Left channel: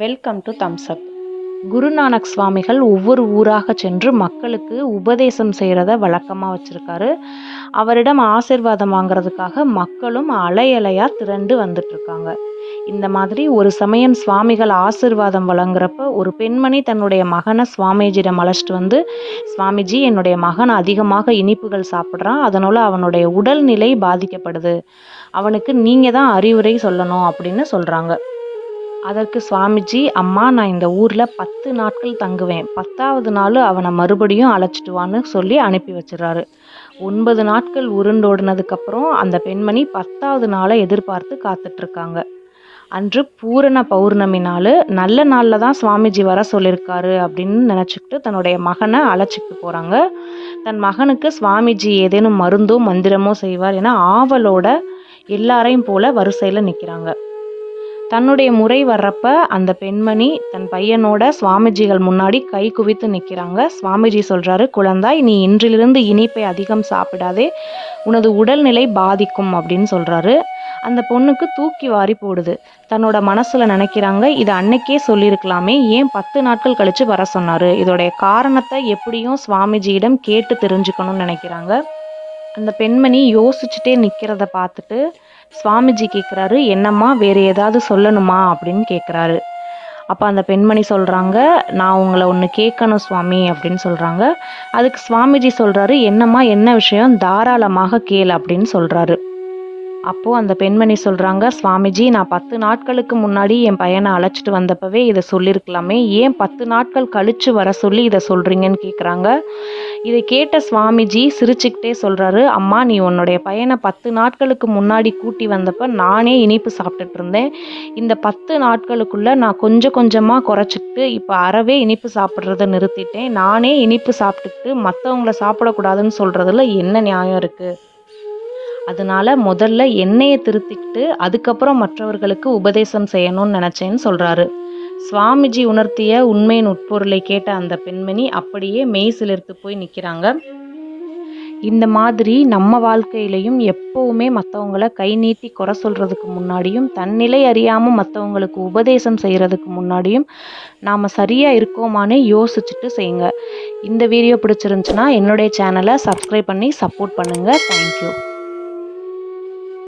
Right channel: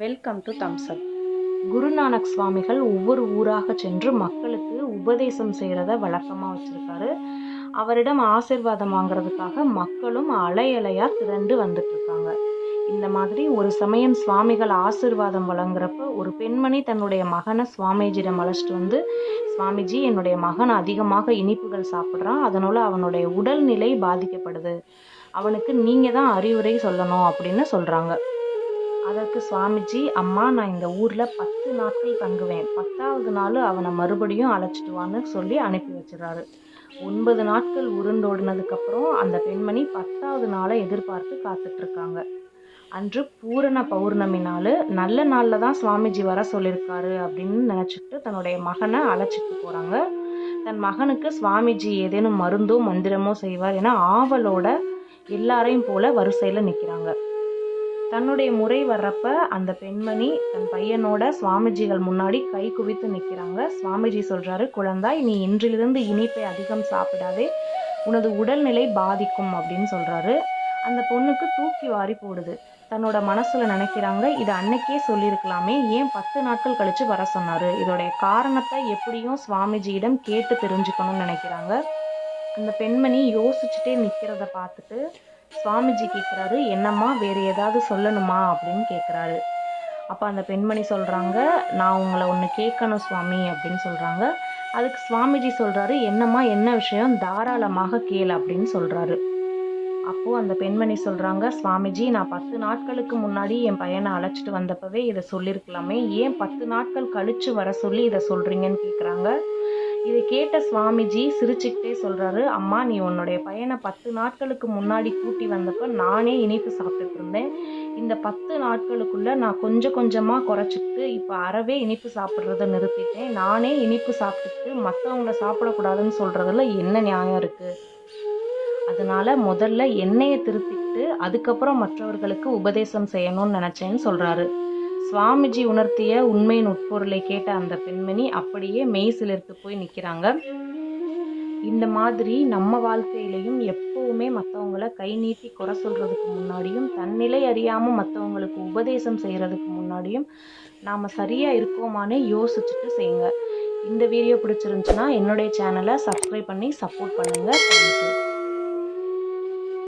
Welcome to thumbs up Guru Nanak சுவாமிகள் ஒவ்வொரு ஊராக சென்று மக்களுக்கு உபதேசம் செய்கிறத வழக்கமாக வச்சுருக்காரு. அவரிடம் ஆசிர்வாதம் வாங்குறதுக்காக மக்களும் அலை அலையாக திரண்டு வந்துட்டுருக்காங்க இந்த மாதிரி ஒரு சமயம் சுவாமிகள் ஆசீர்வாதம் வழங்குறப்ப ஒரு பெண்மணி தன்னுடைய மகனை சுவாமிஜியிடம் அழைச்சிட்டு வந்து சுவாமிஜி என்னுடைய மகன் அதிகமாக இனிப்புகள் சாப்பிட்றான். அதனால் அவனுடைய உடல்நிலை பாதிக்கப்படுது. அவனுக்கு நீங்கள் தான் அறிவுரை சொல்லணும் அப்படின்னு சொல்கிறாங்க அதற்கு சுவாமிஜி அம்மா நான் இந்த ஊரில் பத்து நாட்கள் தங்குவேன். பத்தாவது நாள் அவனை மறுபடியும் அழைச்சிட்டு வான்னு சொல்லி அனுப்பி வச்சிடறாரு. ஒன்பது நாட்கள் உருண்டோடினதுக்கப்புறம் அந்த பெண்மணி பத்தாவது நாளை எதிர்பார்த்து காத்துட்ருக்காங்க. அன்று பூரண பௌர்ணமி நாள் நல்ல நாளில் தான் சுவாமிஜி வர சொல்லியிருக்காரு அப்படின்னு நினச்சிக்கிட்டு தன்னுடைய மகனை அழைச்சிட்டு போகிறாங்க தன் மகனுக்கு சுவாமிஜி ஏதேனும் மருந்தோ மந்திரமோ செய்வார் என ஆவலோட எல்லாரையும் போல வரிசையில் நிற்கிறாங்க தன்னுடைய முறை வர்றப்ப அந்த பெண்மணி தன் பையனோட சுவாமிஜிகள் முன்னாடி கை குவித்து நிற்கிறாங்க சுவாமிஜி சொல்கிறாரு குழந்தாய் நீ இன்றிலிருந்து இனிப்பை அதிகம் சாப்பிடாதே உனது உடல்நிலை பாதிக்கும் அப்படின்னு சொல்கிறாரு அந்த பொண்ணுக்கு தூக்கி வாரி போடுது. தன்னோட மனசில் நினைக்கிறாங்க இது அன்னைக்கே சொல்லியிருக்கலாமே ஏன் பத்து நாட்கள் கழித்து வர சொன்னார்? இதோடைய காரணத்தை எப்படியும் சுவாமிஜியிடம் கேட்டு தெரிஞ்சுக்கணும்னு நினைக்கிறாங்க. அந்த பெண்மணி யோசிச்சுட்டே நிற்கிறத பார்த்துட்டு சுவாமிஜி கேட்குறாரு என்னம்மா வேறு ஏதாவது சொல்லணுமா? அப்படின்னு கேட்குறாரு அப்போ அந்த பெண்மணி சொல்கிறாங்க நான் உங்களை ஒன்று கேட்கணும் சுவாமி அப்படின்னு சொல்கிறாங்க அதுக்கு சுவாமிஜி சொல்கிறாரு என்னம்மா என்ன விஷயம்? தாராளமாக கேள் அப்படின்னு சொல்கிறாரு அப்போது அந்த பெண்மணி சொல்கிறாங்க சுவாமிஜி நான் பத்து நாட்களுக்கு முன்னாடி என் பையனை அழைச்சிட்டு வந்தப்பவே இதை சொல்லியிருக்கலாமே ஏன் பத்து நாட்கள் கழித்து வர சொல்லி இதை சொல்கிறீங்கன்னு கேட்குறாங்க இதை கேட்ட சுவாமிஜி சிரிச்சுக்கிட்டே சொல்கிறாரு அம்மா நீ உன்னுடைய பையனை பத்து நாட்களுக்கு முன்னாடி கூட்டி வந்தப்போ நானே இனிப்பு சாப்பிட்டுட்டு இருந்தேன். இந்த பத்து நாட்களுக்குள்ளே நான் கொஞ்சம் கொஞ்சமாக குறைச்சிக்கிட்டு இப்போ அறவே இனிப்பு சாப்பிட்றத நிறுத்திட்டேன். நானே இனிப்பு சாப்பிட்டுக்கிட்டு மற்றவங்கள சாப்பிடக்கூடாதுன்னு சொல்கிறதுல என்ன நியாயம் இருக்குது அதனால முதல்ல என்னையை திருத்திக்கிட்டு அதுக்கப்புறம் மற்றவர்களுக்கு உபதேசம் செய்யணும்னு நினச்சேன்னு சொல்கிறாரு சுவாமிஜி உணர்த்திய உண்மையின் உட்பொருளை கேட்ட அந்த பெண்மணி அப்படியே மெய் சிலிர்த்து போய் நிற்கிறாங்க இந்த மாதிரி நம்ம வாழ்க்கையிலையும் எப்போவுமே மற்றவங்கள கை நீட்டி குறை சொல்கிறதுக்கு முன்னாடியும் தன்னிலை அறியாமல் மற்றவங்களுக்கு உபதேசம் செய்கிறதுக்கு முன்னாடியும் நாம் சரியாக இருக்கோமான்னு யோசிச்சுட்டு செய்யுங்க. இந்த வீடியோ பிடிச்சிருந்துச்சுன்னா என்னுடைய சேனலை சப்ஸ்கிரைப் பண்ணி சப்போர்ட் பண்ணுங்கள் தேங்க்யூ